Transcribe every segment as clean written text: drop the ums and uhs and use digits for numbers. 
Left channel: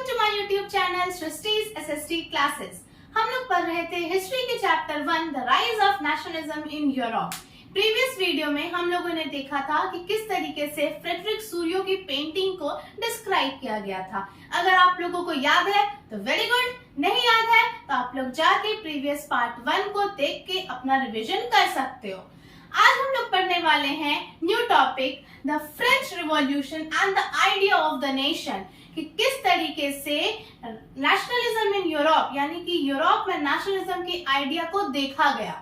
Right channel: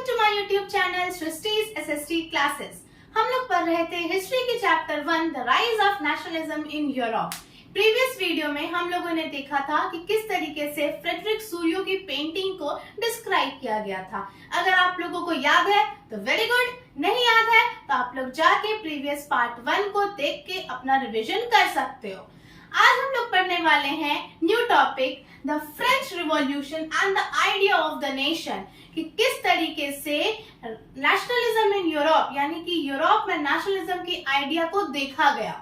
Welcome to my YouTube channel Srishti's SST classes. हम लोग पढ़ रहे थे हिस्ट्री के chapter 1 the rise of nationalism in Europe. Previous video में हम लोगों ने देखा था कि किस तरीके से फ्रेडरिक सूरियो की पेंटिंग को डिस्क्राइब किया गया था। अगर आप लोगों को याद है तो वेरी गुड, नहीं याद है तो आप लोग जाके प्रीवियस पार्ट 1 को देख के अपना रिविजन कर सकते हो। आज हम लोग पढ़ने वाले हैं new topic the French revolution and the idea of the nation, कि किस तरीके से नेशनलिज्म इन यूरोप यानी कि यूरोप में नेशनलिज्म की आइडिया को देखा गया।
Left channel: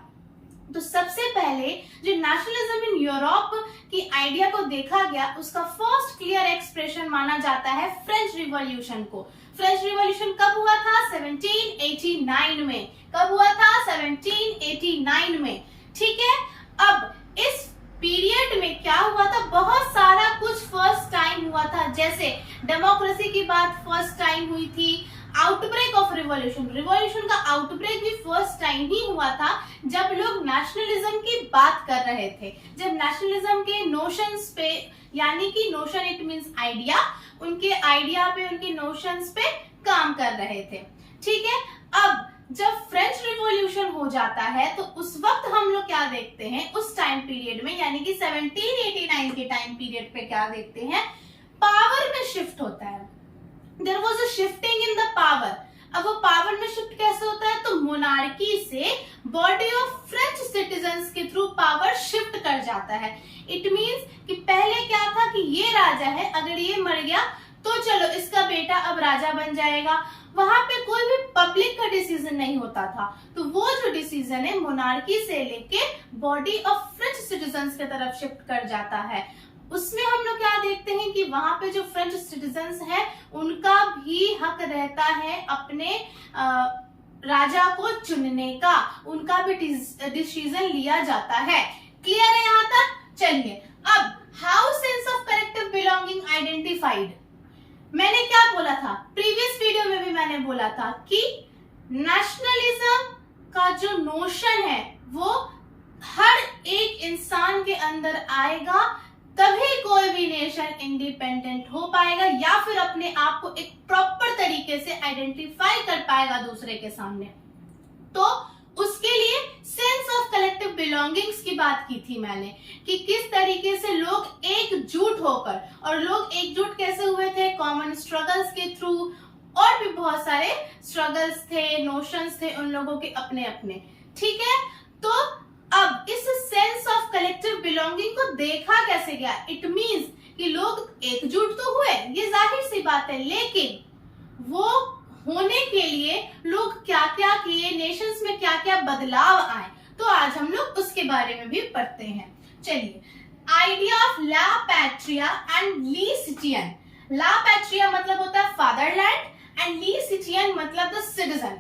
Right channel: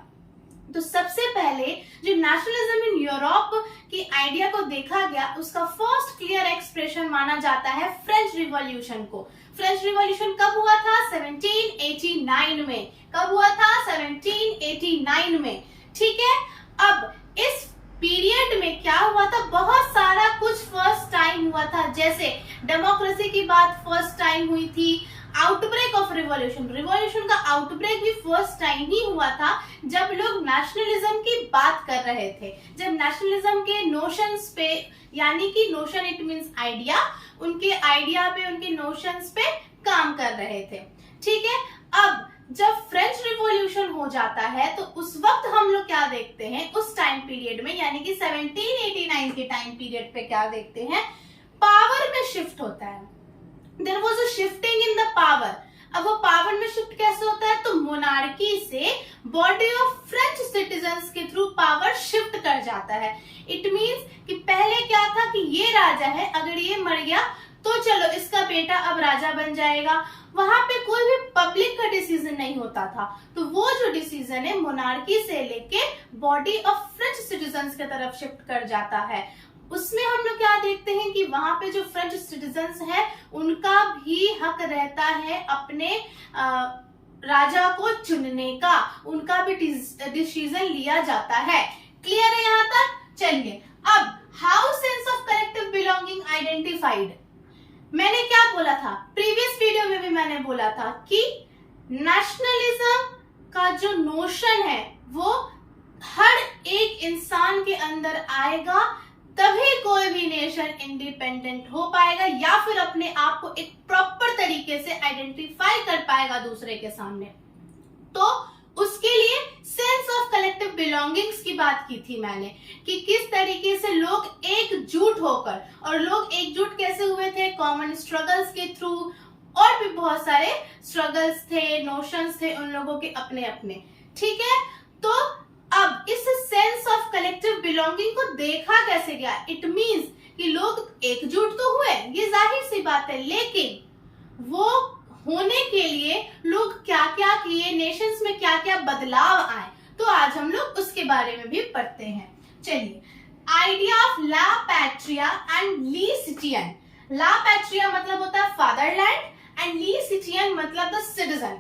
तो सबसे पहले जो नेशनलिज्म इन यूरोप की आइडिया को देखा गया उसका फर्स्ट क्लियर एक्सप्रेशन माना जाता है फ्रेंच रिवॉल्यूशन को। फ्रेंच रिवॉल्यूशन कब हुआ था? 1789 में। कब हुआ था? 1789 में। ठीक है, अब इस पीरियड में क्या हुआ था? बहुत सारा कुछ फर्स्ट टाइम हुआ था, जैसे डेमोक्रेसी की बात फर्स्ट टाइम हुई थी, आउटब्रेक ऑफ रिवॉल्यूशन का आउटब्रेक भी फर्स्ट टाइम ही हुआ था जब लोग नेशनलिज्म की बात कर रहे थे, जब नेशनलिज्म के नोशंस पे, यानी कि नोशन इट मींस आइडिया, उनके आइडिया पे, उनके नोशंस पे काम कर रहे थे। ठीक है, अब जब फ्रेंच रिवॉल्यूशन हो जाता है तो उस वक्त हम लोग क्या देखते हैं उस टाइम पीरियड में, यानी कि 1789 के टाइम पीरियड पे क्या देखते हैं? पावर में शिफ्ट होता है। There was a shifting in the power. अब वो पावर में शिफ्ट कैसे होता है? तो मोनार्की से बॉडी ऑफ फ्रेंच सिटीजन्स के थ्रू पावर शिफ्ट कर जाता है। इट मींस कि पहले क्या था कि ये राजा है, अगर ये मर गया तो चलो इसका बेटा अब राजा बन जाएगा। वहां पे कोई भी पब्लिक का डिसीजन नहीं होता था, तो वो जो डिसीजन है मोनार्की से लेके बॉडी ऑफ फ्रेंच सिटीजन्स की तरफ शिफ्ट कर जाता है। उसमें हम लोग क्या देखते हैं कि वहां पे जो फ्रेंच सिटीजन्स है उनका भी हक रहता है अपने राजा को चुनने का, उनका भी डिसीजन लिया जाता है। क्लियर है यहाँ तक? चलिए, अब how sense of collective belonging identified. मैंने क्या बोला था प्रीवियस वीडियो में भी? मैंने बोला था कि नेशनलिज्म का जो नोशन है वो हर एक इंसान के अंदर आएगा, तभी कोई भी नेशन इंडिपेंडेंट हो पाएगा या फिर अपने आप को एक प्रॉपर तरीके से आइडेंटिफाई कर पाएगा दूसरे के सामने। तो उसके लिए सेंस ऑफ कलेक्टिव बिलोंगिंग्स की बात की थी मैंने, कि किस तरीके से लोग एकजुट होकर, और लोग एकजुट कैसे हुए थे? कॉमन स्ट्रगल्स के थ्रू, और भी बहुत सारे स्ट्रगल्स थे, नोशंस थे उन लोगों के अपने अपने। ठीक है, तो अब इस सेंस ऑफ कलेक्टिव बिलोंगिंग को देखा कैसे गया? इट मींस कि लोग एकजुट तो हुए, ये जाहिर सी बात है, लेकिन वो होने के लिए लोग क्या क्या किए, नेशंस में क्या क्या बदलाव आए, तो आज हम लोग उसके बारे में भी पढ़ते हैं। चलिए, आइडिया ऑफ ला पैट्रिया एंड ली सिटियन। ला पैट्रिया मतलब होता है फादरलैंड एंड ली सिटियन मतलब द सिटीजन।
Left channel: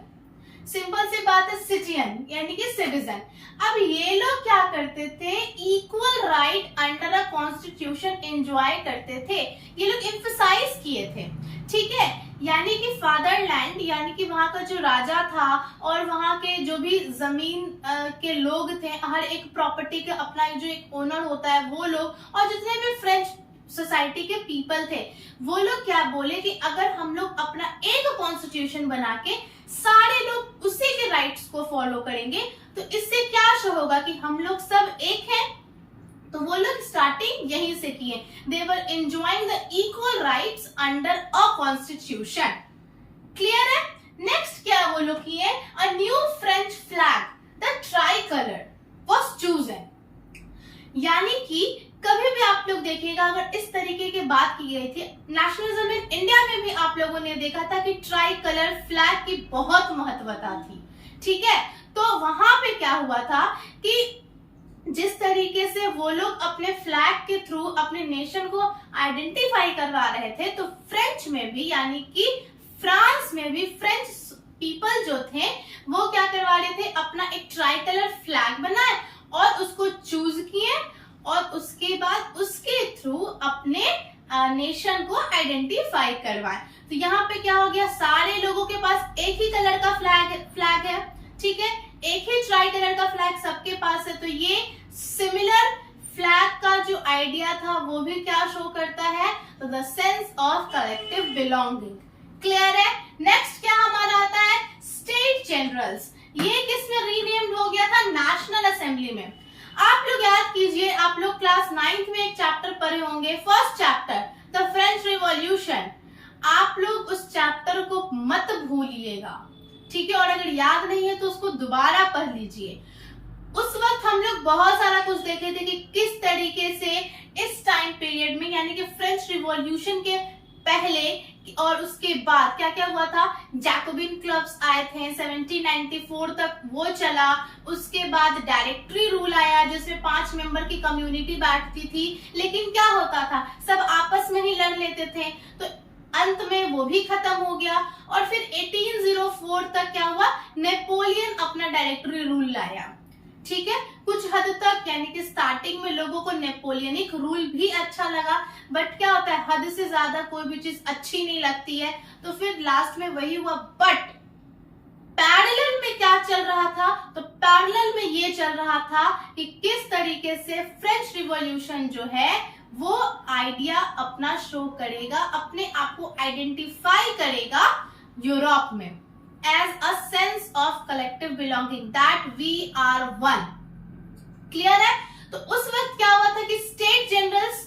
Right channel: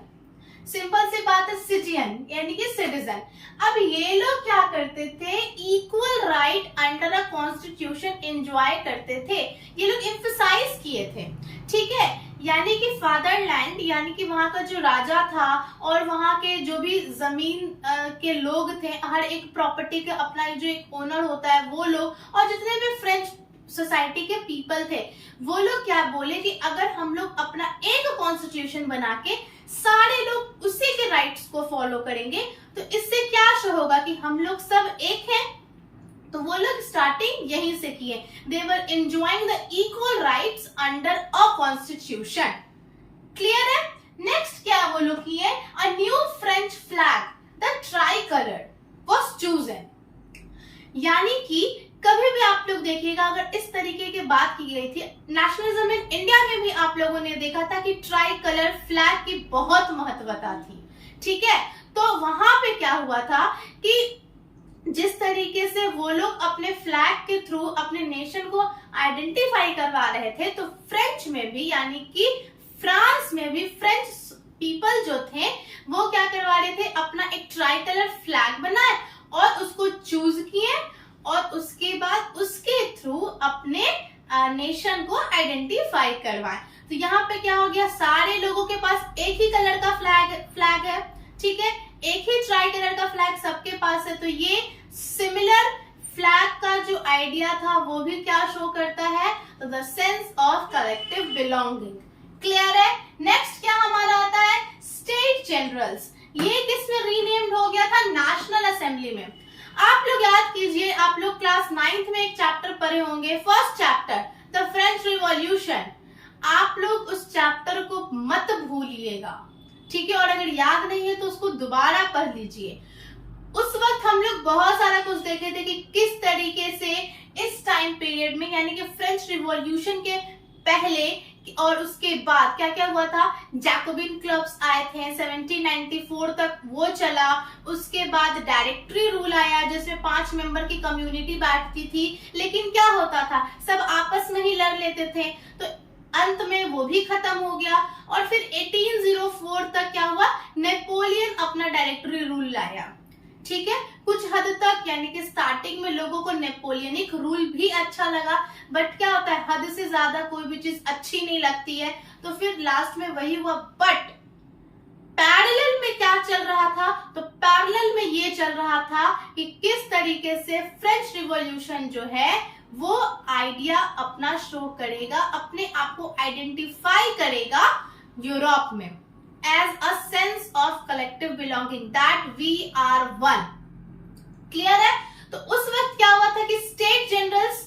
सिंपल सी बात है, सिटियन यानी कि सिटीजन। अब ये लोग क्या करते थे? Equal right under a constitution enjoy करते थे, ये लोग एम्फसाइज किए थे। ठीक है, यानी कि फादरलैंड यानी कि वहां का जो राजा था और वहां के जो भी जमीन के लोग थे, हर एक प्रॉपर्टी का अपना जो एक ओनर होता है वो लोग, और जितने भी फ्रेंच सोसाइटी के पीपल थे वो लोग क्या बोले कि अगर हम लोग अपना एक कॉन्स्टिट्यूशन बना के सारे लोग उसी के राइट्स को फॉलो करेंगे तो इससे क्या शो होगा कि हम लोग सब एक हैं। तो वो लोग स्टार्टिंग यहीं से किए। They were enjoying the equal rights under a constitution. Clear है? नेक्स्ट क्या वो लोग किए? A new French flag the tricolour was chosen. यानी कि कभी भी आप लोग देखिएगा, अगर इस तरीके की बात की गई थी, नेशनलिज्म इन इंडिया में भी आप लोगों ने देखा था कि ट्राई कलर फ्लैग की बहुत महत्वता थी। ठीक है, तो वहां पे क्या हुआ था कि जिस तरीके से वो लोग अपने फ्लैग के थ्रू अपने नेशन को आइडेंटिफाई करवा रहे थे, तो फ्रेंच में भी यानी कि फ्रांस में भी फ्रेंच पीपल जो थे वो क्या करवा रहे थे? अपना एक ट्राई कलर फ्लैग बनाए और उसको चूज किए, और उसके बाद उसके थ्रू अपने नेशन को आइडेंटिफाई करवाए। तो यहाँ पे क्या हो गया? सारे लोगों के पास एक ही कलर का फ्लैग है। ठीक है, एक ही ट्राई कलर का फ्लैग सबके पास है, तो ये सिमिलर फ्लैग का जो आइडिया था वो भी क्या शो करता है? तो the sense of collective belonging. Clear है। नेक्स्ट क्या हमारा आता है, स्टेट जनरल्स। ये किसमें रीनेम्ड हो गया था, नेशनल असेंबली में। आप लोग याद कीजिए, आप लोग क्लास 9th में एक चैप्टर पढ़े होंगे, first chapter the French revolution. आप लोग उस चैप्टर को मत भूलिएगा, ठीक है, और अगर याद नहीं है तो उसको दोबारा पढ़ लीजिए। उस वक्त हम लोग बहुत सारा कुछ देखे थे कि किस तरीके से इस टाइम पीरियड में, यानी कि फ्रेंच रिवॉल्यूशन के पहले और उसके बाद क्या क्या हुआ था। जैकोबिन क्लब्स आए थे 1794 तक, वो चला। उसके बाद डायरेक्टरी रूल आया जिसमें 5 मेंबर की कम्युनिटी बैठती थी, लेकिन क्या होता था, सब आपस में ही लड़ लेते थे, तो अंत में वो भी खत्म हो गया। और फिर 1804 तक क्या हुआ, नेपोलियन अपना डायरेक्टरी रूल लाया, ठीक है। कुछ हद तक, यानी कि स्टार्टिंग में लोगों को नेपोलियनिक रूल भी अच्छा लगा, बट क्या होता है, हद से ज्यादा कोई भी चीज अच्छी नहीं लगती है, तो फिर लास्ट में वही हुआ। बट पैरेलल में क्या चल रहा था, तो पैरेलल में ये चल रहा था कि किस तरीके से फ्रेंच रिवॉल्यूशन जो है वो आइडिया अपना शो करेगा, अपने आप को आइडेंटिफाई करेगा यूरोप में as a sense of collective belonging that we are one। Clear है। तो उस वक्त क्या हुआ था कि स्टेट जनरल्स,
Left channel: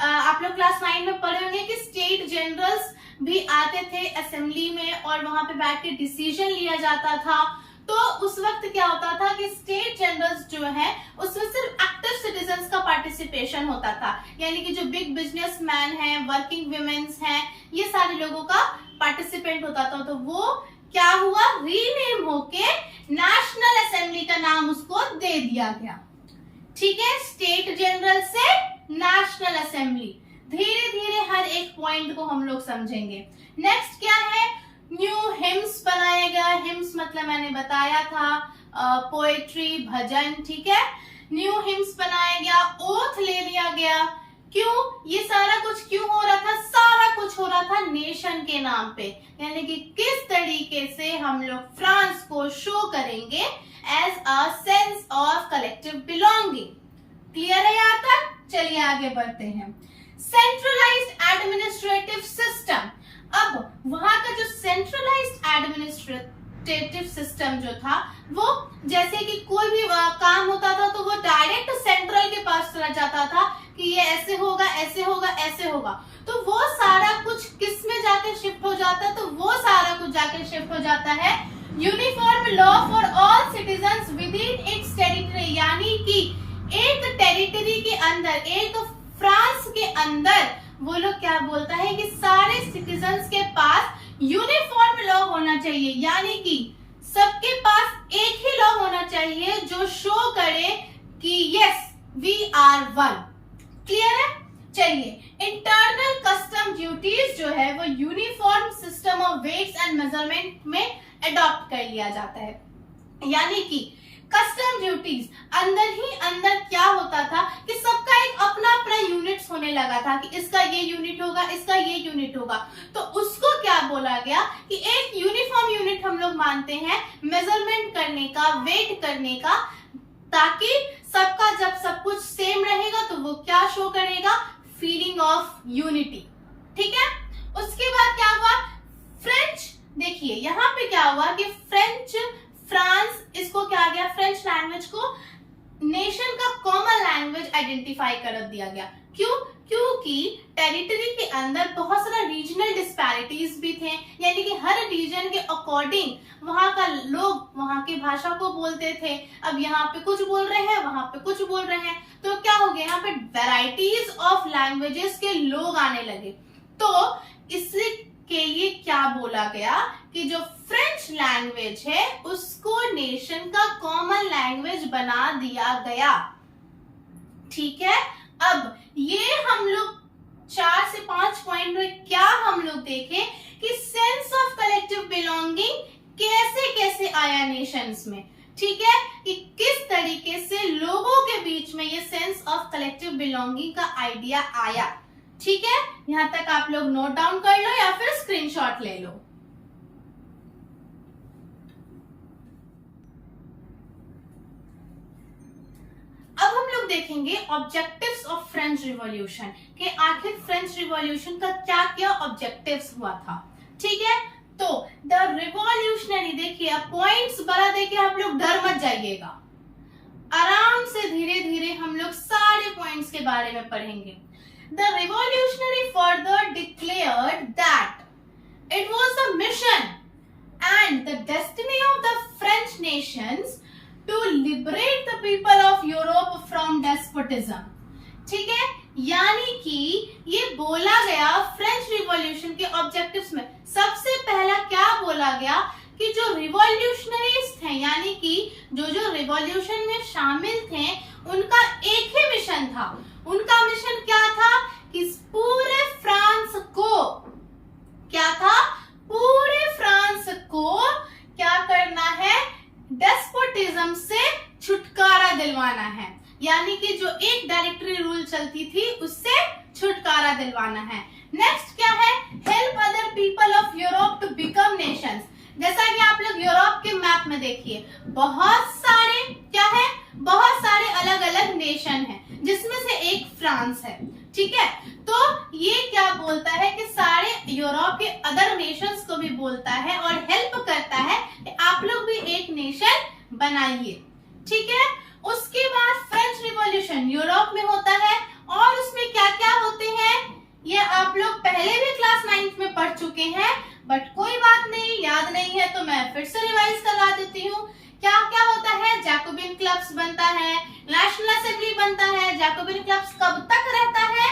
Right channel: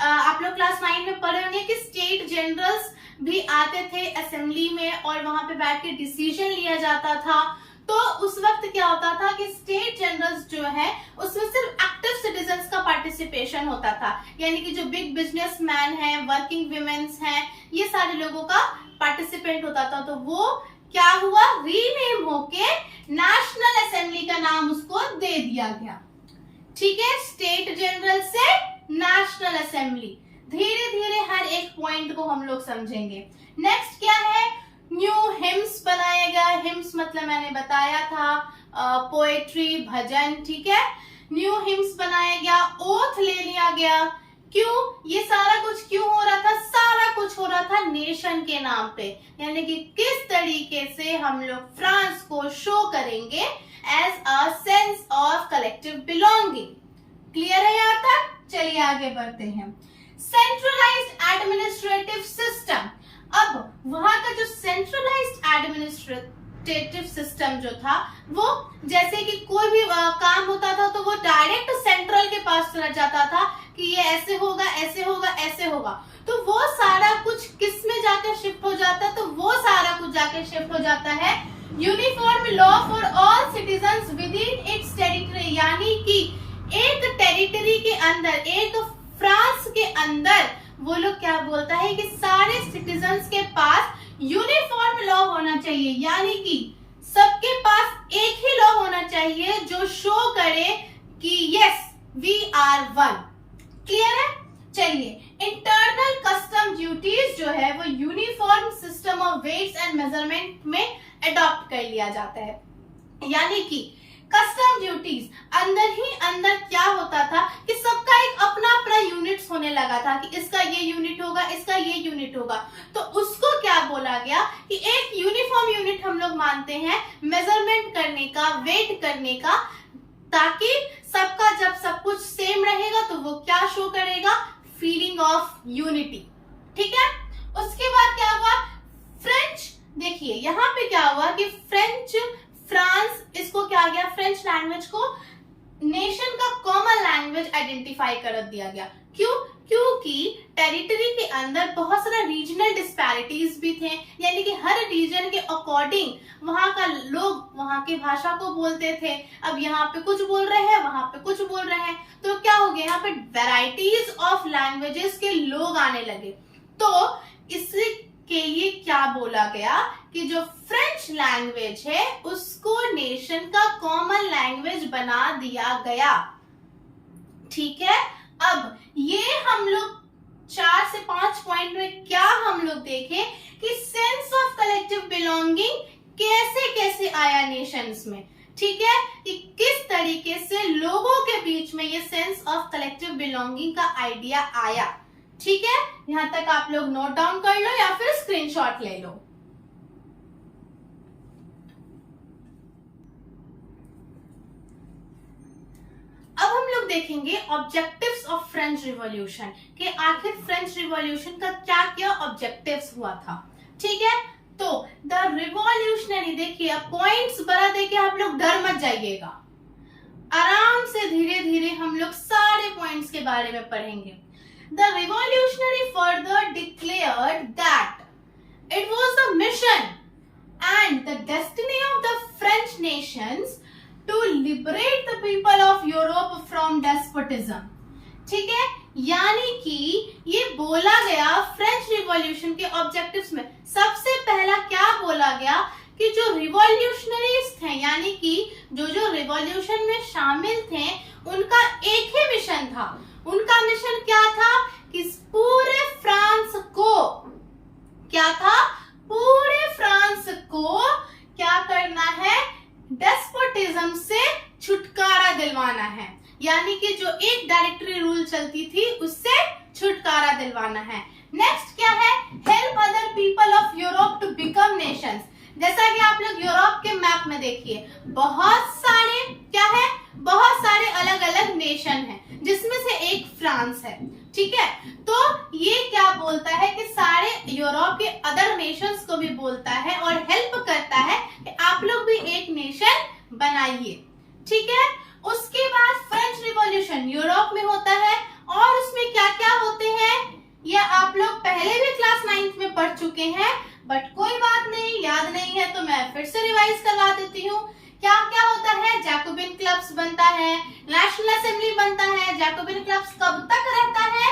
आप लोग क्लास 9 में पढ़े होंगे कि स्टेट जनरल्स भी आते थे असेंबली में और वहां पे बैठ के डिसीजन लिया जाता था। तो उस वक्त क्या होता था कि स्टेट जनरल्स जो है उसमें सिर्फ एक्टिव सिटीजन्स का पार्टिसिपेशन होता था, यानी कि जो बिग बिजनेसमैन हैं, वर्किंग वुमेन्स हैं, ये सारे लोगों का पार्टिसिपेंट होता था। तो वो क्या हुआ, रीनेम होके नेशनल असेंबली का नाम उसको दे दिया गया, ठीक है। स्टेट जनरल से नेशनल असेंबली, धीरे धीरे हर एक पॉइंट को हम लोग समझेंगे। नेक्स्ट क्या है, न्यू हिम्स बनाया गया। हिम्स मतलब मैंने बताया था पोएट्री, भजन, ठीक है। न्यू हिम्स बनाया गया, ओथ ले लिया गया। क्यों, ये सारा कुछ क्यों हो रहा था, सारा कुछ हो रहा था नेशन के नाम पे, यानी कि किस तरीके से हम लोग फ्रांस को शो करेंगे as a sense of collective belonging. Clear है यहाँ तक, चलिए आगे बढ़ते हैं। Centralised administrative system. अब वहां का जो सेंट्रलाइज्ड एडमिनिस्ट्रेटिव सिस्टम जो था, वो जैसे कि कोई भी काम होता था तो वो डायरेक्ट सेंट्रल के पास चला जाता था कि ये ऐसे होगा, ऐसे होगा, ऐसे होगा। तो वो सारा कुछ किस में जाकर शिफ्ट हो जाता है, तो वो सारा कुछ जाकर शिफ्ट हो जाता है uniform law for all citizens with in its territory, यानी कि एक टेरिटरी के अंदर, एक फ्रांस के अंदर वो लोग क्या बोलता है कि सारे सिटीजन्स के पास यूनिफॉर्म लॉ होना चाहिए, यानी कि सबके पास एक ही लॉ होना चाहिए जो शो करे कि yes we are one. Clear है। चलिए, इंटरनल कस्टम ड्यूटीज जो है वो uniform system of weights and measurement में अडॉप्ट कर लिया जाता है, यानी कि कस्टम ड्यूटीज अंदर ही अंदर क्या होता था कि सबका एक अपना अपना यूनिट्स होने लगा था कि इसका ये यूनिट होगा, इसका ये यूनिट होगा। तो उसको क्या बोला गया कि एक यूनिफॉर्म यूनिट हम लोग मानते हैं मेजरमेंट करने का, वेट करने का, ताकि सबका जब सब कुछ सेम रहेगा तो वो क्या शो करेगा, फीलिंग ऑफ यूनिटी, ठीक है। उसके बाद क्या हुआ, फ्रेंच, देखिए यहाँ पे क्या हुआ कि फ्रांस इसको क्या गया, फ्रेंच लैंग्वेज को नेशन का कॉमन लैंग्वेज आइडेंटिफाई कर दिया गया। क्यों, क्योंकि टेरिटरी के अंदर बहुत सारा रीजनल डिस्पैरिटीज भी थे, यानी कि हर रीजन के अकॉर्डिंग वहां का लोग वहां की भाषा को बोलते थे। अब यहाँ पे कुछ बोल रहे हैं, वहां पे कुछ बोल रहे हैं, तो क्या हो गया, यहाँ पे वेराइटीज ऑफ लैंग्वेजेस के लोग आने लगे। तो इसके लिए क्या बोला गया कि जो फ्रेंच लैंग्वेज है उसको नेशन का कॉमन लैंग्वेज बना दिया गया, ठीक है। अब ये हम लोग 4 से 5 पॉइंट में क्या हम लोग देखें कि सेंस ऑफ कलेक्टिव बिलोंगिंग कैसे कैसे आया नेशंस में, ठीक है, कि किस तरीके से लोगों के बीच में ये सेंस ऑफ कलेक्टिव बिलोंगिंग का आइडिया आया, ठीक है। यहां तक आप लोग नोट डाउन कर लो या फिर स्क्रीनशॉट ले लो। अब हम लोग देखेंगे ऑब्जेक्टिव्स ऑफ फ्रेंच रिवॉल्यूशन कि आखिर फ्रेंच रिवॉल्यूशन का क्या क्या ऑब्जेक्टिव्स हुआ था। ठीक है। तो द रिवॉल्यूशनरी, देखिए अब पॉइंट्स बड़ा देके आप लोग डर मत जाइएगा, आराम से धीरे धीरे हम लोग सारे पॉइंट्स के बारे में पढ़ेंगे। The revolutionary further declared that it was the mission and the destiny of the French nations to liberate the people of Europe from despotism। ठीक है, यानी कि ये बोला गया फ्रेंच रिवॉल्यूशन के ऑब्जेक्टिव्स में सबसे पहला क्या बोला गया कि जो रिवॉल्यूशनरीज थे, यानी कि जो रिवॉल्यूशन में शामिल थे, उनका एक ही मिशन था। उनका मिशन क्या था कि पूरे फ्रांस को, क्या था, पूरे फ्रांस को क्या करना है, डेस्पोटिज्म से छुटकारा दिलवाना है, यानी कि जो एक डायरेक्टरी रूल चलती थी उससे छुटकारा दिलवाना है। नेक्स्ट क्या है, help other people of Europe to become nations. जैसा कि आप लोग यूरोप के मैप में देखिए, बहुत सारे क्या है, बहुत सारे अलग अलग नेशन हैं, जिसमें से एक फ्रांस है। ठीक है, तो ये क्या बोलता है कि सारे यूरोप के अदर नेशंस को भी बोलता है और हेल्प करता है कि आप लोग भी एक नेशन बनाइए। ठीक है, उसके बाद फ्रेंच रिवॉल्यूशन यूरोप में होता है और उसमें क्या क्या होते हैं ये आप लोग पहले भी क्लास 9th में पढ़ चुके हैं, बट कोई बात नहीं, याद नहीं है तो मैं फिर से रिवाइज करवा देती हूँ। क्या क्या होता है, जैकोबिन क्लब्स बनता है, नेशनल असेंबली बनता है। जैकोबिन क्लब्स कब तक रहता है,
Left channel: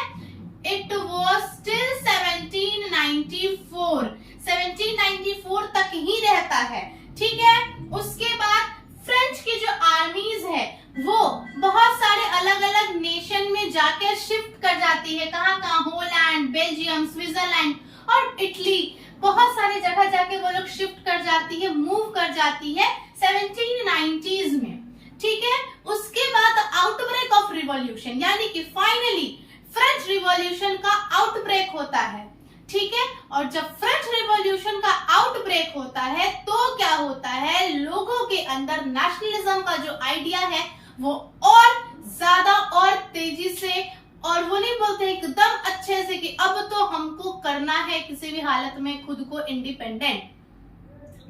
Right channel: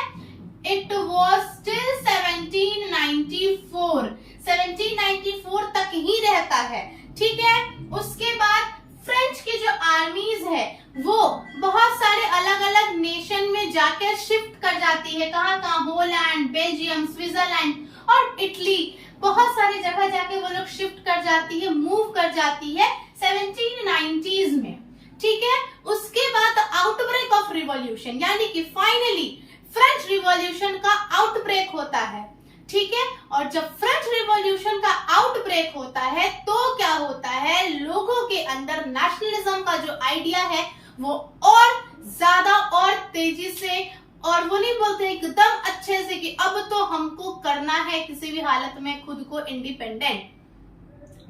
इट वॉज टिल 1794 तक ही रहता है। ठीक है, उसके बाद फ्रेंच की जो आर्मीज है वो बहुत सारे अलग अलग नेशन में जाकर शिफ्ट कर जाती है। कहाँ कहाँ, होलैंड, बेल्जियम, स्विट्जरलैंड और इटली, बहुत सारे जगह जाके वो लोग शिफ्ट कर जाती है, मूव कर जाती है 1790s में। ठीक है, उसके बाद आउटब्रेक ऑफ रिवॉल्यूशन, यानी कि फाइनली फ्रेंच रिवॉल्यूशन का आउटब्रेक होता है। ठीक है, और जब फ्रेंच रिवॉल्यूशन का आउटब्रेक होता है तो क्या होता है, लोगों के अंदर नेशनलिज्म का जो आइडिया है वो और ज्यादा और तेजी से, और वो नहीं बोलते एकदम अच्छे से कि अब तो हमको करना है किसी भी हालत में खुद को इंडिपेंडेंट।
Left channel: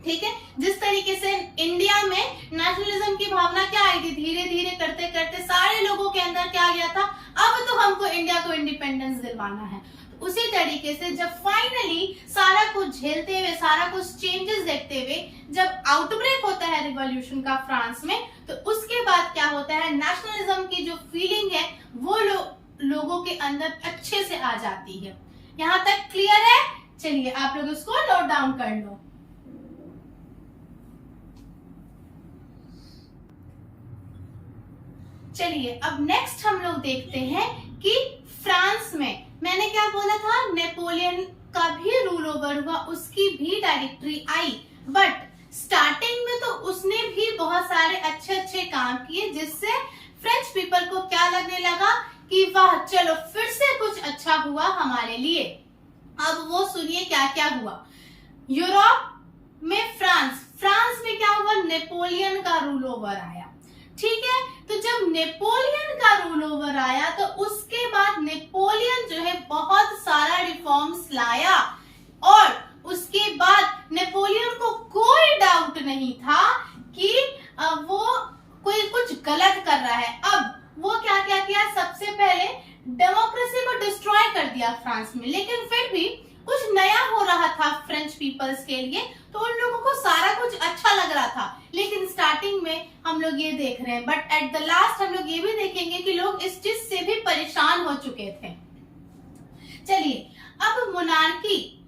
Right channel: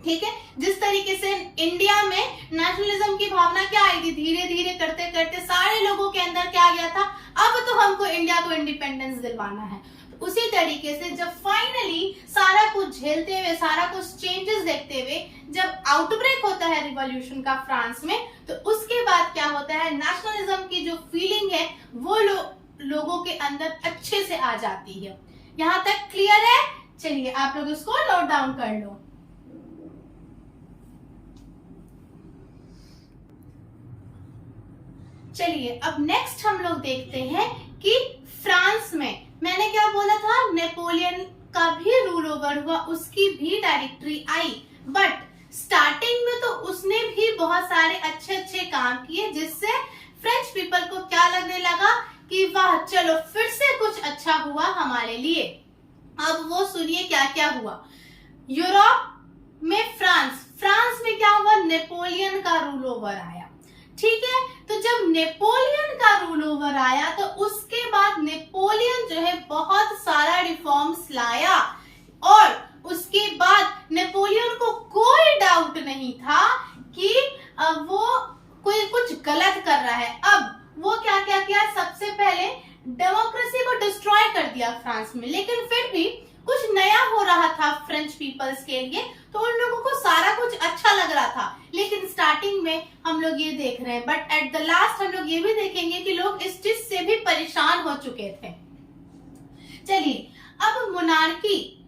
ठीक है, जिस तरीके से इंडिया में नेशनलिज्म की भावना क्या आई थी, धीरे धीरे करते करते सारे लोगों के अंदर क्या आ गया था, अब तो हमको इंडिया को इंडिपेंडेंस दिलवाना है। तो उसी तरीके से जब फाइनली सारा कुछ झेलते हुए, सारा कुछ चेंजेस देखते हुए जब आउटब्रेक होता है रिवॉल्यूशन का फ्रांस में, तो उसके बाद क्या होता है, नेशनलिज्म की जो फीलिंग है वो लोगों के अंदर अच्छे से आ जाती है। यहाँ तक क्लियर है? चलिए आप लोग इसको नोट डाउन कर लो। चलिए अब नेक्स्ट हम लोग देखते हैं कि फ्रांस में, मैंने क्या बोला था, नेपोलियन का भी रूल ओवर हुआ, उसकी भी डायरेक्टरी आई, बट स्टार्टिंग में तो उसने भी बहुत सारे अच्छे अच्छे काम किए, जिससे फ्रेंच पीपल को क्या लगने लगा कि वाह चलो फिर से कुछ अच्छा हुआ हमारे लिए। अब वो सुनिए क्या क्या हुआ। यूरोप में फ्रांस में क्या हुआ, नेपोलियन का रूल ओवर आया। ठीक है, तो जब नेपोलियन का रूल ओवर आया तो उसके बाद नेपोलियन जो है बहुत सारा रिफॉर्म्स लाया, और उसके बाद नेपोलियन को कोई डाउट नहीं था कि वो कोई कुछ गलत कर रहा है। अब वो क्या क्या किया, सबसे पहले डेमोक्रेसी को डिस्ट्रॉय कर दिया फ्रांस में, लेकिन फिर भी कुछ नया हो रहा था फ्रेंच पीपल्स के लिए, तो उन लोगों को सारा कुछ अच्छा लग रहा था। लेकिन स्टार्टिंग में हम लोग ये देख रहे हैं, बट एट द लास्ट हम लोग ये भी देखेंगे कि लोग इस चीज से भी परेशान हो चुके थे। चलिए अब मोनार्की,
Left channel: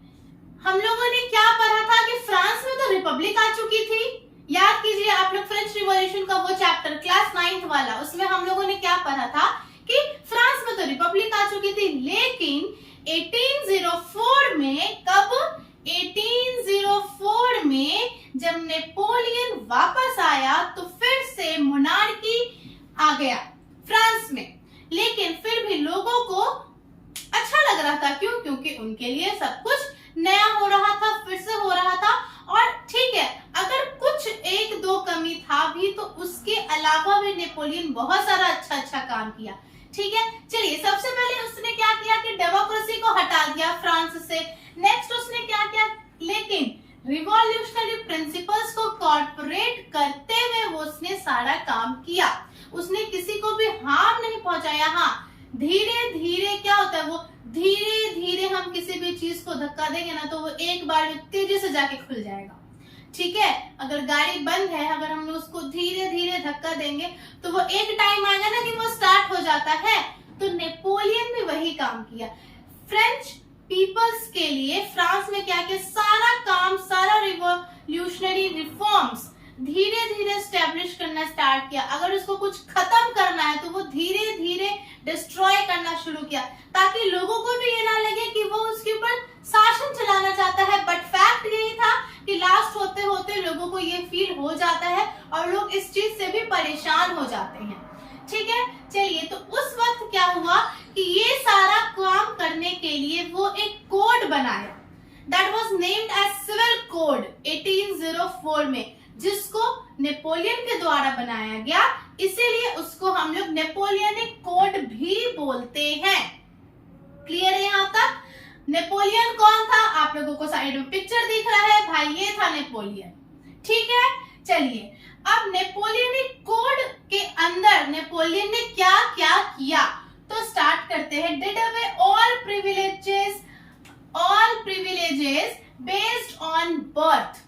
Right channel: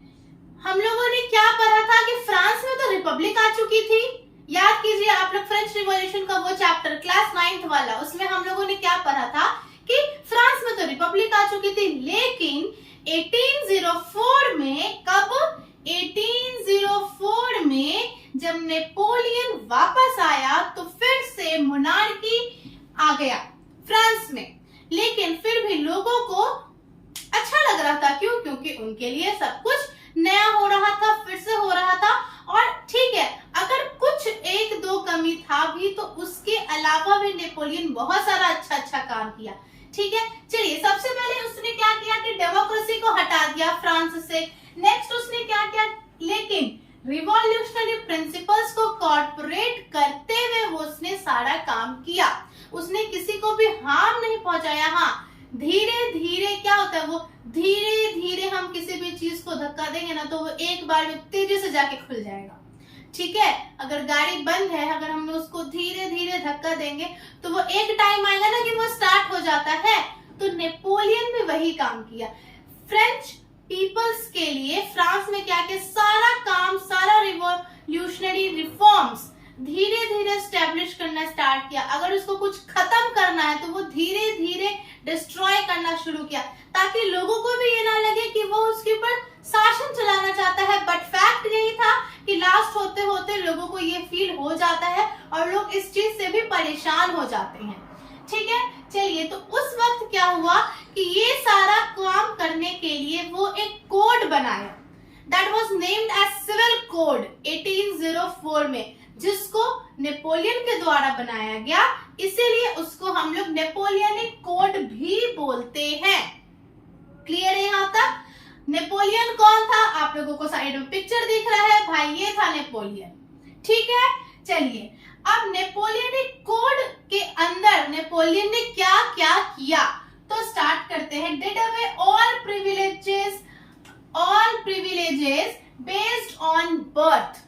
हम लोगों ने क्या पढ़ा था कि फ्रांस में तो रिपब्लिक आ चुकी थी। याद कीजिए आप लोग फ्रेंच रिवॉल्यूशन का वो चैप्टर क्लास 9th वाला, उसमें हम लोगों ने क्या पढ़ा था कि फ्रांस में तो रिपब्लिक आ चुकी थी, लेकिन 1804 में, कब, 1804 में जब नेपोलियन वापस आया तो फिर से मोनार्की आ गया फ्रांस में। लेकिन फिर भी लोगों को अच्छा लग रहा था, क्यों, क्योंकि उनके लिए सब कुछ नया हो रहा था, फिर से हो रहा था। और ठीक है, अगर कुछ एक दो कमी था भी तो उसके अलावा भी नेपोलियन बहुत सारा अच्छा अच्छा काम किया। ठीक है, चलिए सबसे पहले उसने क्या किया कि डेमोक्रेसी को हटा दिया फ्रांस से। नेक्स्ट उसने क्या किया, लेकिन रिवॉल्यूशनरी प्रिंसिपल्स को कॉर्पोरेट करते हुए वो उसने सारा काम किया। उसने किसी को भी हार्म नहीं पहुंचाया। हाँ, धीरे धीरे क्या होता है, वो धीरे धीरे हम किसी भी चीज को धक्का देंगे ना तो वो एक बार में तेजी से जाके खुल जाएगा। ठीक है, अगर गाड़ी बंद है, अगर हम उसको धीरे धीरे धक्का देंगे तो वो एक टाइम आएगा ना कि वो स्टार्ट हो जाता है। तो नेपोलियन भी वही काम किया। फ्रेंच पीपल्स के लिए फ्रांस में क्या किया, सारा काम, सारा रिवॉल्यूशनरी रिफॉर्म्स धीरे धीरे स्टैब्लिश करना स्टार्ट किया। अगर उसको कुछ खत्म करना है तो वो धीरे धीरे डिस्ट्रॉय करना शुरू किया, ताकि लोगों को भी ये ना लगे कि वो उसके ऊपर शासन चलाना चाहता है। बट फैक्ट यही था कि लास्ट होते होते लोगों को ये फील हो जाता है और लोग इस चीज से भी परेशान हो जाते हैं। ठीक है, चलिए, तो उस वक्त क्या हुआ कि ये सारा काम करने के लिए वो एक कोड बनाया, that was named as civil code 1804 में, जिसको नेपोलियन के द्वारा बनाया गया, इसीलिए उसको हम लोग नेपोलियनिक कोड भी बोलते हैं। क्लियर है यहाँ तक? नेपोलियन कौन था? आप लोगों को साइड में पिक्चर दिख रहा है भाई, ये था नेपोलियन। ठीक है, चलिए, अब नेपोलियनिक कोड के अंदर नेपोलियन ने क्या क्या किया तो स्टार्ट करते हैं। Did away all privileges based on birth,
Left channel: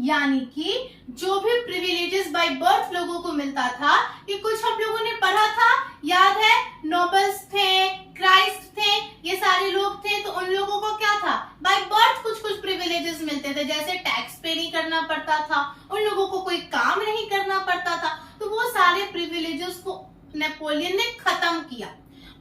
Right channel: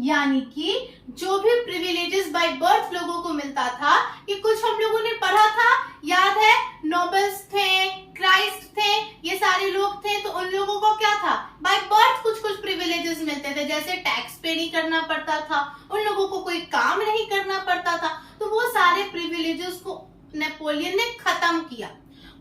यानी कि जो भी प्रिविलेजेस बाय बर्थ लोगों को मिलता था, कि कुछ हम लोगों ने पढ़ा था, याद है, नोबल्स थे, क्राइस्ट थे, ये सारे लोग थे, तो उन लोगों को क्या था, बाय बर्थ कुछ कुछ प्रिविलेजेस मिलते थे, जैसे टैक्स पे नहीं करना पड़ता था, उन लोगों को कोई काम नहीं करना पड़ता था। तो वो सारे प्रिविलेजेस को नेपोलियन ने खत्म किया।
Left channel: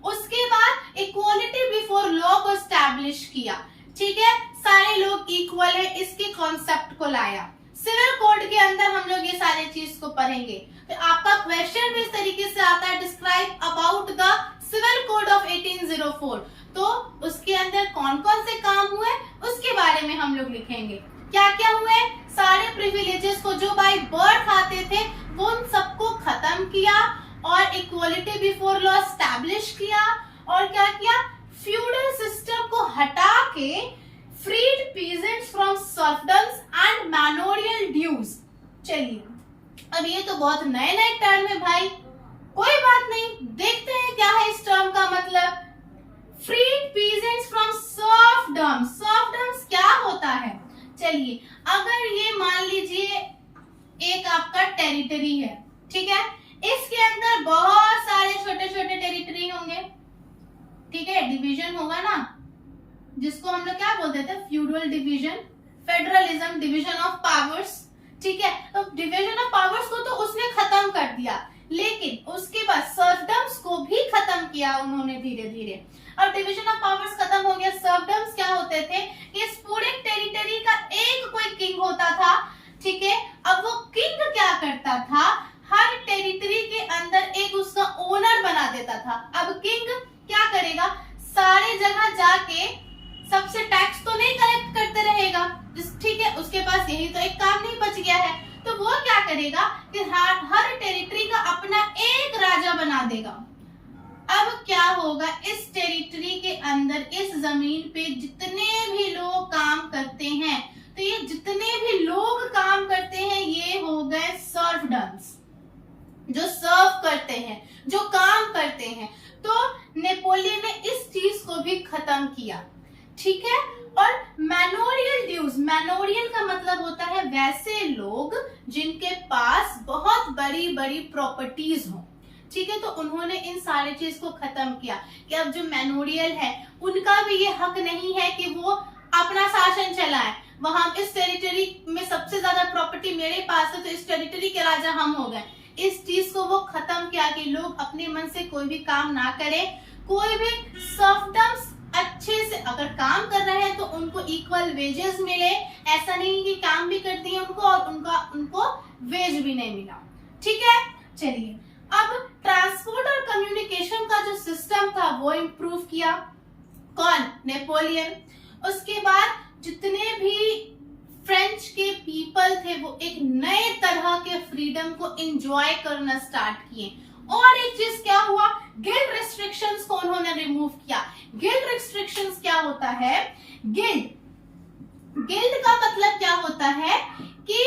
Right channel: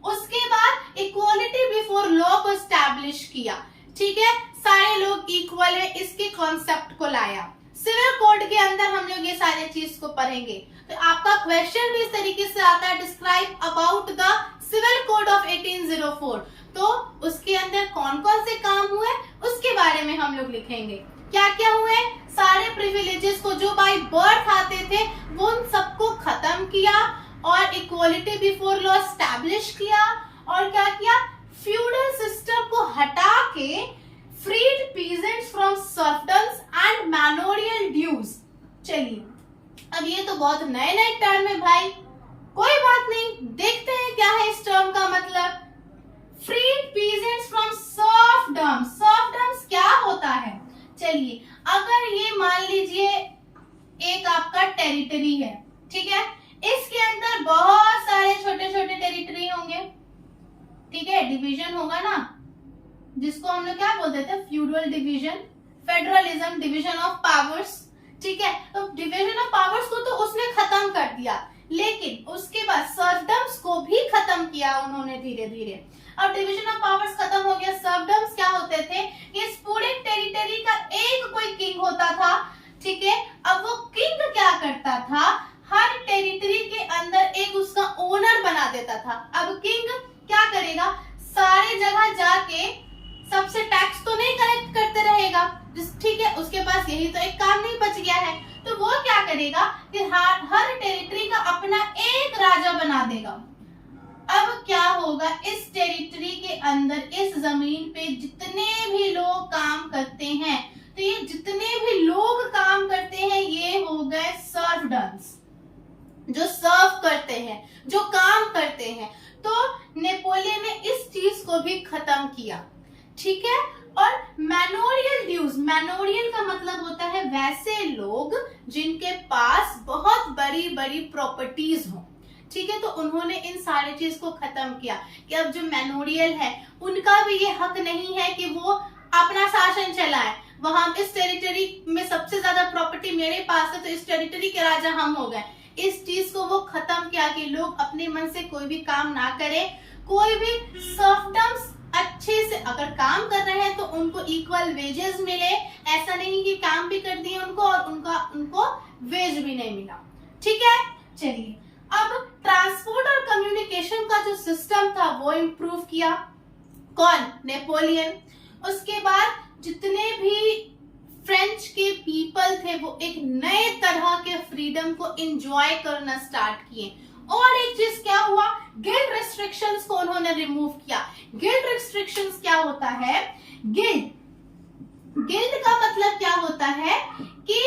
उसके बाद इक्वालिटी बिफोर लॉ को एस्टैब्लिश किया। ठीक है, सारे लोग इक्वल है, इसके कॉन्सेप्ट को लाया। सिविल कोड के अंदर हम लोग ये सारे चीज को पढ़ेंगे। तो आपका क्वेश्चन भी इस तरीके से आता है, describe about the civil code of 1804। तो उसके अंदर कौन कौन से काम हुए उसके बारे में हम लोग लिखेंगे। क्या क्या हुए, सारे प्रिविलेजेस को जो बाय बर्थ आते थे वो उन सबको खत्म किया और इक्वालिटी बिफोर लॉ एस्टैब्लिश किया। और क्या किया, फ्यूडल सिस्टम को हटा के freed peasants from serfdoms and manorial dues. चलिए, अब ये तो बहुत नए नए टर्म है भाई, कोई बात नहीं, देखते हैं क्या है इस टर्म का मतलब। फ्रीड पीजेंट्स फ्रॉम सर्फडम्स, सर्फडम्स क्या होता है? चलिए, अगर ये मान लीजिए एक आपका टेरिटरी है, ठीक है, इसके अंदर बहुत सारे छोटे छोटे टेरिटरी होंगे, ठीक है, डिवीजन होगा ना, जिसको हम लोग क्या बोलते थे, feudal division, federalism, division of powers. ठीक है, तो डिवीजन ऑफ पावर्स को तो उसने खत्म कर दिया, लेकिन उसके बाद सर्फडम्स को भी खत्म किया उन्होंने धीरे धीरे। अब डिवीजन ऑफ पावर्स खत्म हो गया, सर्फडम्स क्या होते थे, इस पूरे टेरिटरी का एक कोई किंग होता था। ठीक है, अब वो किंग क्या करता था, हर टेरिटरी के अंदर एक उसका ओनर बना देता था। अब किंग क्या करेगा, सारे जगह जाके सबसे टैक्स तो नहीं कलेक्ट करते रहेगा, ठीक है, उसके पास यही तो एक काम नहीं बच गया है, तो वो क्या करेगा कि हर टेरिटरी का अपना एक राजा बना देगा। अब क्या होगा, इस टेरिटरी के अंदर, इस जमीन पे जितने भी लोग काम करते हैं, तो ये जितने भी लोग काम करते हैं ये हो गए सर्फडम्स, जो सर्व करते हैं, जो काम करते हैं। तो नेपोलियन ने इस चीज को भी खत्म किया। ठीक है, और मैनोरियल ड्यूज, मैनोरियल का मतलब होता है वैसे लोग जिनके पास बहुत बड़ी बड़ी प्रॉपर्टीज हो। ठीक है, तो उन्होंने इन सारे चीज को खत्म किया कि अब जो मैनोरियल है उनका भी ये हक नहीं है कि वो अपना शासन चलाए। वहां इस टेरिटरी में सबसे ज्यादा प्रॉपर्टी मेरे पास है, तो इस टेरिटरी के राजा हम हो गए। इस चीज को वो खत्म किया कि लोग अपने मन से कोई भी काम ना करे, कोई भी सर्फडम्स अच्छे से अगर काम कर रहे हैं तो उनको इक्वल वेजेस मिले, ऐसा नहीं कि काम भी कर दिए उनको और उनको वेज भी नहीं मिला। ठीक है, चलिए, अब ट्रांसपोर्ट और कम्युनिकेशन का जो सिस्टम था वो इम्प्रूव किया, कौन, नेपोलियन। उसके बाद जितने भी फ्रेंच के पीपल थे वो एक नए तरह के फ्रीडम को एंजॉय करना स्टार्ट किए। और एक चीज क्या हुआ, गिल्ड रिस्ट्रिक्शंस को उन्होंने रिमूव किया। गिल्ड रिस्ट्रिक्शंस क्या होता है, गिल्ड का होता है कि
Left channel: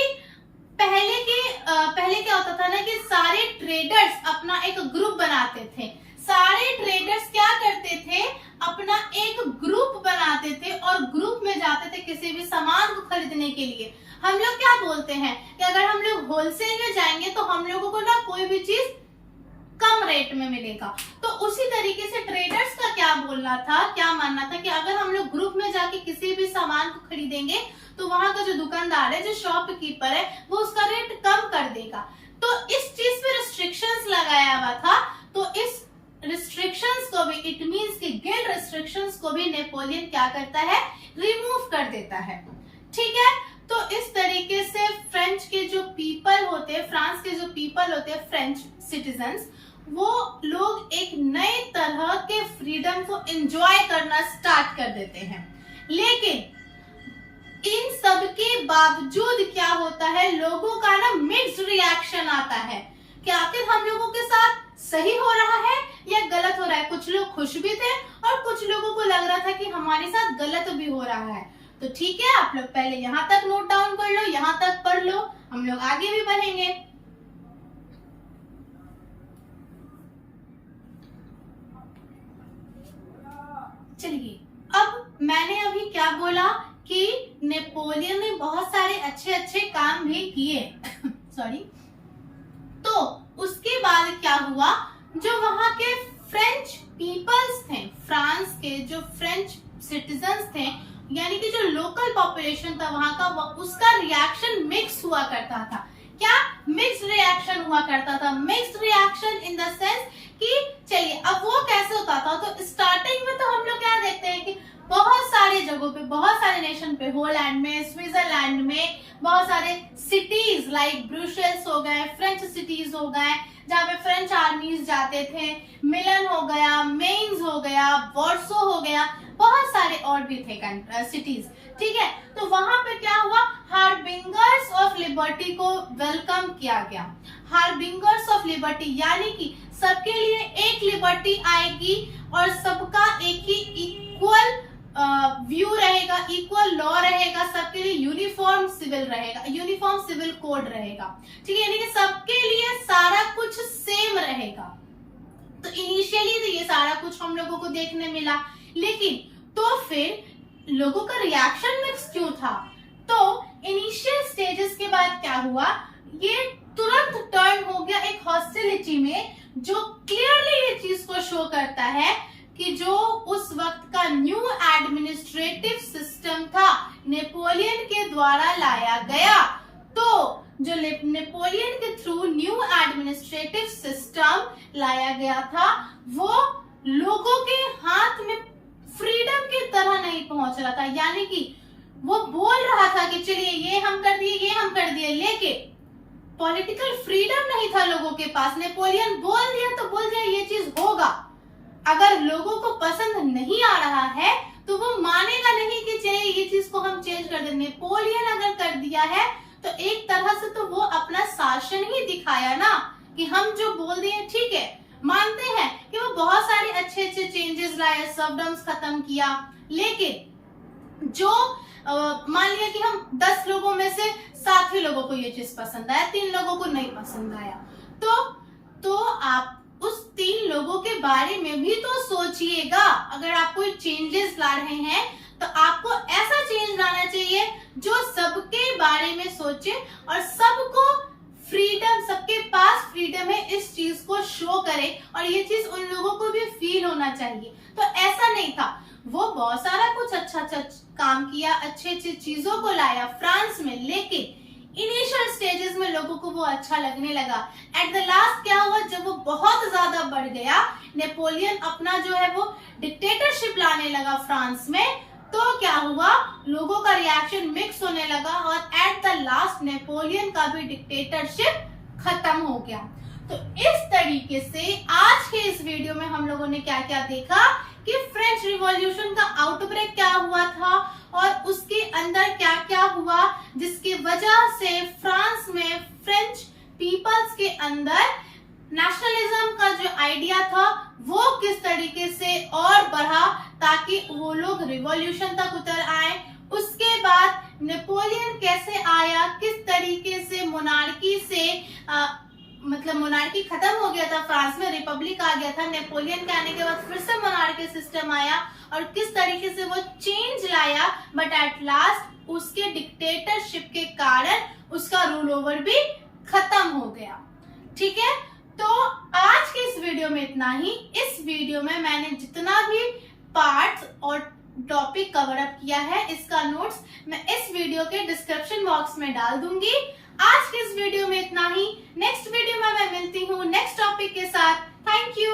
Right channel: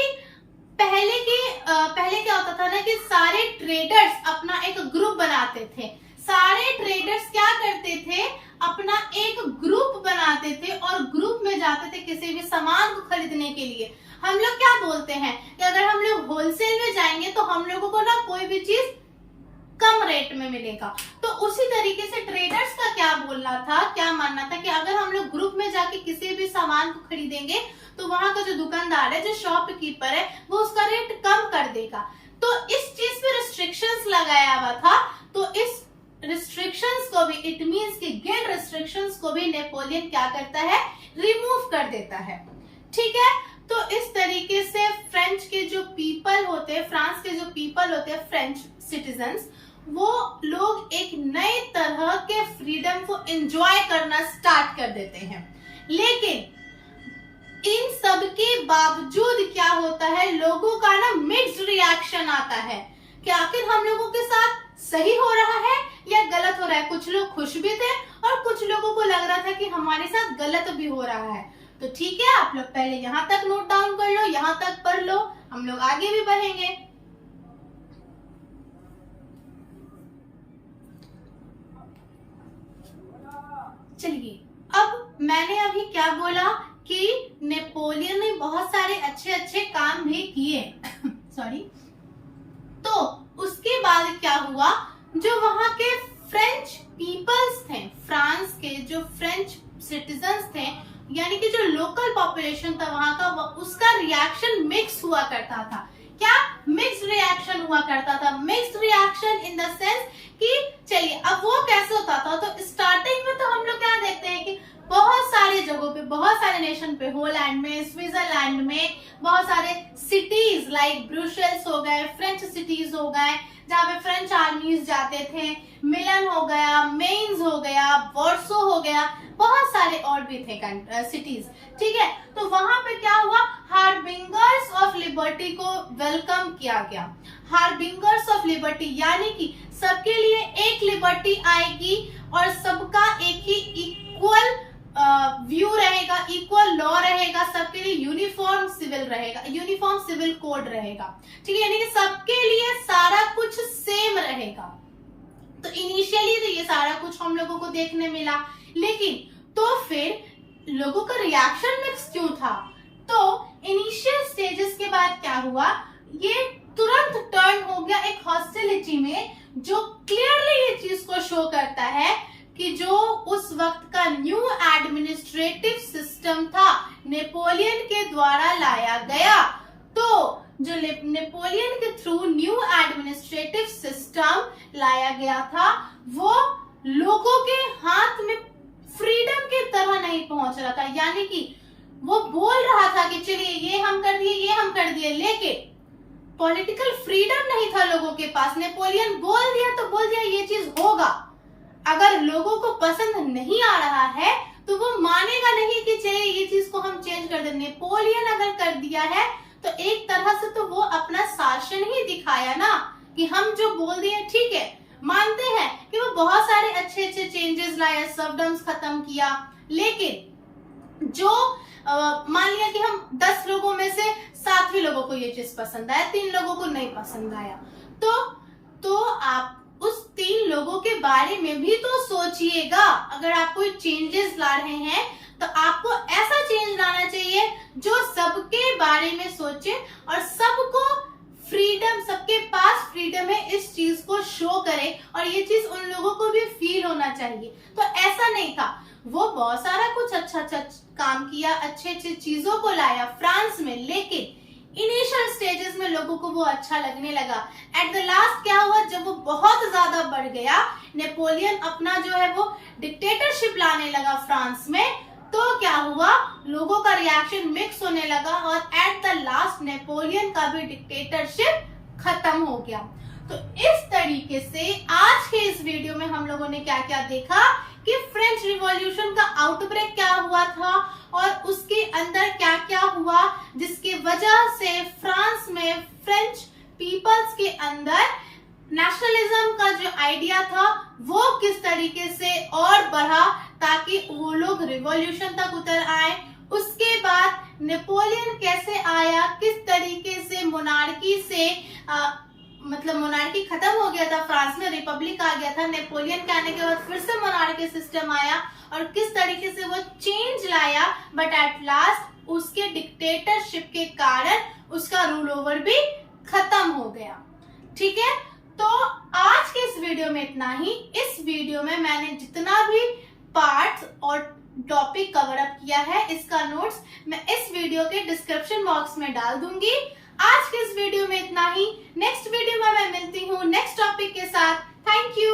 पहले क्या होता था ना कि सारे ट्रेडर्स अपना एक ग्रुप बनाते थे। सारे ट्रेडर्स क्या करते थे, अपना एक ग्रुप बनाते थे और ग्रुप में जाते थे किसी भी सामान को खरीदने के लिए। हम लोग क्या बोलते हैं कि अगर हम लोग होलसेल में जाएंगे तो हम लोगों को ना कोई भी चीज कम रेट में मिलेगा। तो उसी तरीके से ट्रेडर्स का क्या बोलना था, क्या मानना था कि अगर हम लोग ग्रुप में जाके किसी भी सामान को खरीदेंगे तो वहां का जो दुकानदार है, जो शॉपकीपर है, वो उसका रेट कम कर देगा। तो इस चीज पे रिस्ट्रिक्शंस लगाया हुआ था। तो इस रिस्ट्रिक्शंस को भी, इट मींस कि गिल्ड रिस्ट्रिक्शंस को भी नेपोलियन क्या करता है, रिमूव कर देता है। ठीक है, तो इस तरीके से फ्रेंच के जो पीपल होते हैं, फ्रांस के जो पीपल होते हैं, फ्रेंच सिटीजन्स, वो लोग एक नए तरह के फ्रीडम को एंजॉय करना स्टार्ट कर देते हैं। लेकिन इन सब के बावजूद क्या होता है, लोगों का ना मिक्स्ड रिएक्शन आता है कि आखिर हम लोगों के साथ सही हो रहा है या गलत हो रहा है। कुछ लोग खुश भी थे और कुछ लोगों को लग रहा था कि हमारे साथ गलत भी हो रहा है। तो ठीक है, आप लोग पहले यहाँ तक नोट डाउन कर लो, यहाँ तक पढ़ लो, हम लोग आगे भी बढ़ेंगे। चलिए, अब मैंने अभी क्या बोला कि नेपोलियन ने बहुत सारे अच्छे अच्छे काम भी किए सॉरी। तो उसके बाद क्या हुआ, जो वहां के फ्रेंच पीपल्स थे, फ्रांस के जो फ्रेंच सिटीजन्स थे, यानी कि जो लोकल पॉपुलेशन था वहां का, उसका रिएक्शन मिक्स हुआ करता था। क्या मिक्स रिएक्शन हुआ करता था? Mix reaction in the sense कि चलिए अब वो कैसे होता था। तो स्टार्टिंग में तो हम लोग क्या देखते हैं कि बहुत सारे जगहों पे, बहुत सारे नेशन पे, होलैंड में, स्विट्जरलैंड में बहुत सारे सिटीज लाइक ब्रुसेल्स हो गए, फ्रेंच सिटीज हो गए जहाँ पे फ्रेंच आर्मीज जाते थे, मिलन हो गया, मेन्स हो गया, वॉर्सो हो गया, बहुत सारे और भी थे सिटीज। ठीक है, तो वहां पे क्या हुआ, हार्बिंगर्स ऑफ लिबर्टी को वेलकम किया गया। हार्बिंगर्स ऑफ लिबर्टी यानी कि सबके लिए एक लिबर्टी आएगी और सबका एक ही इक्वल व्यू रहेगा, इक्वल लॉ रहेगा, सबके लिए यूनिफॉर्म सिविल रहेगा, यूनिफॉर्म सिविल कोड रहेगा। ठीक है, यानी कि सबके लिए सारा कुछ सेम रहेगा। तो इनिशियली तो ये सारा कुछ हम लोगों को देखने मिला, लेकिन तो फिर लोगों का रिएक्शन मिक्स क्यों था? तो इनिशियल स्टेजेस के बाद क्या हुआ, ये तुरंत टर्न हो गया एक हॉस्टिलिटी में, जो क्लियरली ये चीज को शो करता है कि जो उस वक्त का न्यू एडमिनिस्ट्रेटिव सिस्टम था, नेपोलियन के द्वारा लाया गया। तो जो नेपोलियन के थ्रू न्यू एडमिनिस्ट्रेटिव सिस्टम लाया गया था, वो लोगों के हाथ में फ्रीडम की तरह नहीं पहुंच रहा था। यानी कि वो बोल रहा था कि चलिए ये हम कर दिए, ये हम कर दिए, लेकिन पॉलिटिकल फ्रीडम नहीं था लोगों के पास। नेपोलियन बोल दिया तो बोल दिया ये चीज होगा, अगर लोगों को पसंद नहीं आ रहा है तो वो मानेगा नहीं कि चलिए ये चीज को हम चेंज कर दें। नेपोलियन अगर कर दिया है तो एक तरह से तो वो अपना शासन ही दिखाया ना, कि हम जो बोल दिए ठीक है, मानते हैं कि वो बहुत सारे अच्छे अच्छे चेंजेस लाए, सर्वडम्स खत्म किया, लेकिन जो मान लिया कि हम 10 लोगों में से 7 ही लोगों को ये चीज पसंद आया, 3 लोगों को नहीं पसंद आया, तो आप उस 3 लोगों के बारे में भी तो सोचिएगा। अगर आप कोई चेंजेस ला रहे हैं तो आपको ऐसा चेंज लाना चाहिए जो सबके बारे में सोचे और सबको फ्रीडम, सबके पास फ्रीडम है इस चीज को शो करे, और ये चीज उन लोगों को भी फील होना चाहिए। तो ऐसा नहीं था, वो बहुत सारा कुछ अच्छा अच्छा काम किया, अच्छे अच्छे चीजों को लाया फ्रांस में, लेकिन इनिशियल स्टेजेस में लोगों को वो अच्छा लगने लगा। एट द लास्ट क्या हुआ, जब वो बहुत ज्यादा बढ़ गया, नेपोलियन अपना जो है वो डिक्टेटरशिप लाने लगा फ्रांस में, तो क्या हुआ, लोगों का रिएक्शन मिक्स होने लगा और एट द लास्ट नेपोलियन का भी डिक्टेटरशिप खत्म हो गया। तो इस तरीके से आज के इस वीडियो में हम लोगों ने क्या क्या देखा कि फ्रेंच रिवॉल्यूशन का आउटब्रेक क्या हुआ था और उसके अंदर क्या क्या हुआ, जिसकी वजह से फ्रांस में फ्रेंच पीपल्स के अंदर नेशनलिज्म का जो आइडिया था वो किस तरीके से और बढ़ा, ताकि वो लोग रिवॉल्यूशन तक उतर आए, उसके बाद नेपोलियन कैसे आया, किस तरीके से मोनार्की से मतलब मोनार्की खत्म हो गया था, फ्रांस में रिपब्लिक आ गया था, नेपोलियन के आने के बाद फिर से मोनार्की सिस्टम आया और किस तरीके से वो चेंज लाया, बट एट लास्ट उसके डिक्टेटरशिप के कारण उसका रूल ओवर भी खत्म हो गया। ठीक है, तो आज के इस वीडियो में इतना ही। इस वीडियो में मैंने जितना भी पार्ट्स और टॉपिक कवर अप किया है, इसका नोट्स मैं इस वीडियो के डिस्क्रिप्शन बॉक्स में डाल दूंगी। आज के इस वीडियो में इतना ही। नेक्स्ट वीडियो में मैं मिलती हूँ नेक्स्ट टॉपिक के साथ। Thank you.